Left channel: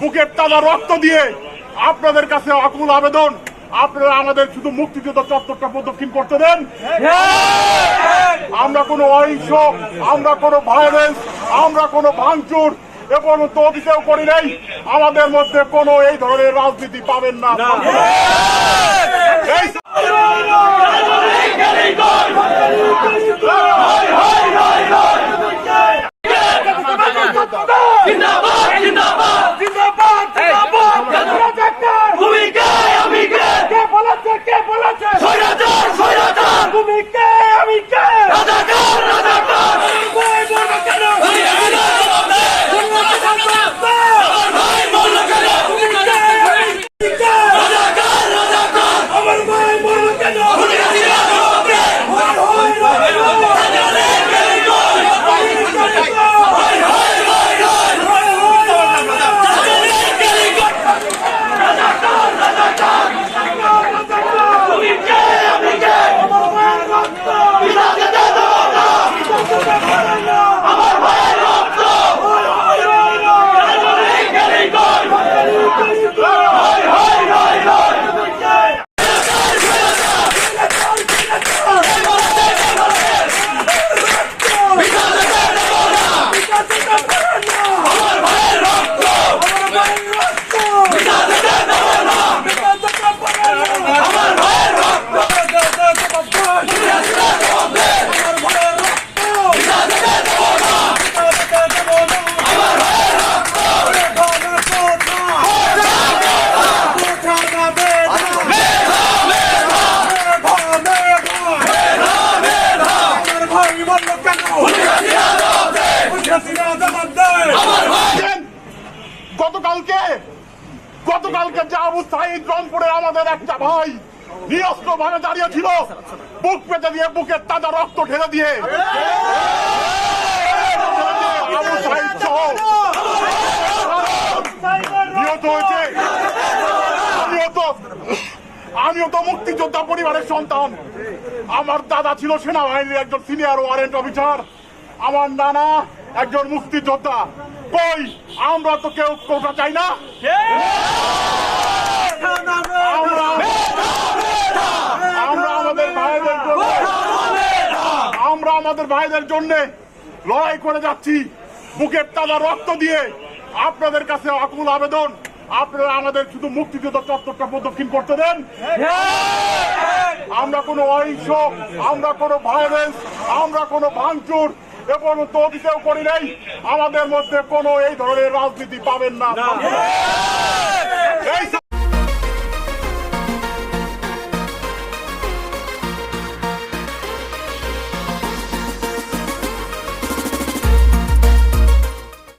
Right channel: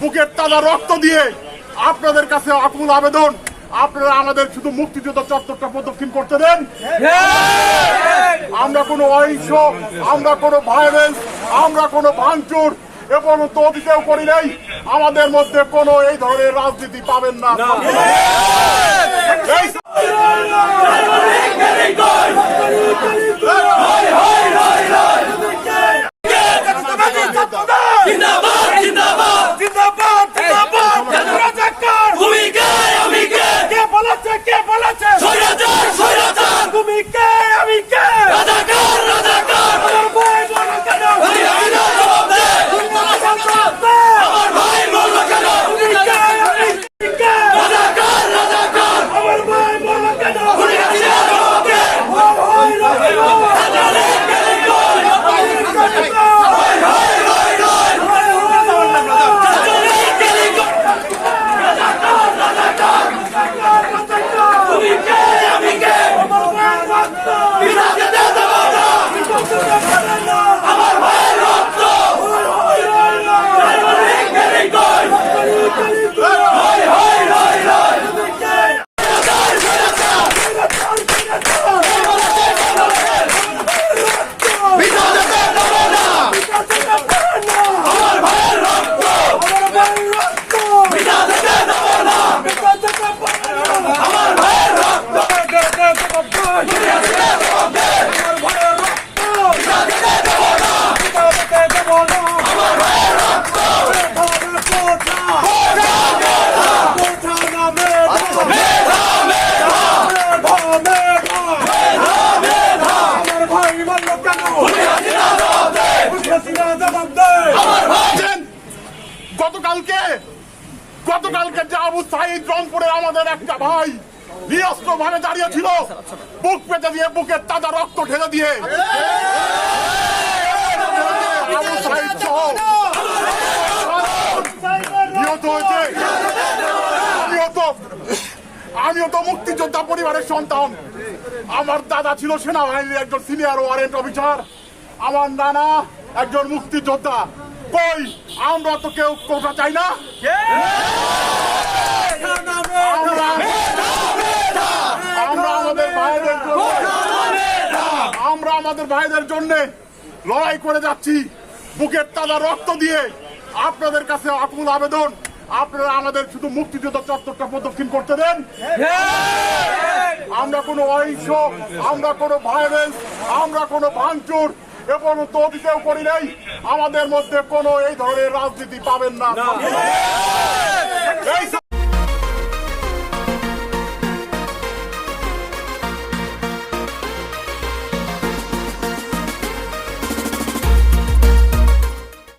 বুকের তাজা রক্ত দিয়ে আপনাদের কাছে আকুল আবেদন। আপনারা আমাদের শুধু মুক্তিযুদ্ধ চত্বরটা প্রদক্ষিণ করতে দেন। আমরা কোনো অহিংস আমরা কোনো ভায়োলেন্স আমরা কোনো ভাঙচুর এবং পর্যন্ত অতীতেও করি নাই। আমাদের মধ্যে কোনো এই ধরনের রাজনীতি পাবেন না। এই Enrique! গতকালকে গতকালকে যে আবু সাইদ রংপুরের আমাদের একটা ভাই নিরস্ত্র ভাবে দাঁড়িয়ে ছিল। বুক পেতে দিয়ে বুকের তাজা রক্ত ঢেলে দিয়ে। আবু সাইদ সহ নিহত হয়েছে। আমিও তো আমিও তো মুক্তিযোদ্ধা পরিবারের সন্তান। আমার দাদা ছিল সেনাবাহিনীর একজন সিনিয়র ওয়ারেন্ট অফিসার আমার নানা একজন মুক্তিযোদ্ধা। কই? আমরা তো কেউ কোটা চাই না আমরা আমরা আমাদের ভাইদের জন্য আমরা আমাদের ভাইদের জন্য লড়াই করে যাচ্ছি। বুকের তাজা রক্ত দিয়ে আপনাদের কাছে আকুল আবেদন। আপনারা আমাদের শুধু মুক্তিযুদ্ধ চত্বরটা প্রদক্ষিণ করতে দেন। আমরা কোনো অহিংস, আমরা কোনো ভায়োলেন্স আমরা কোনো ভাঙচুর এবং অতীতেও করি নাই। আমাদের মধ্যে কোনো এই ধরনের রাজনীতি পাবেন না।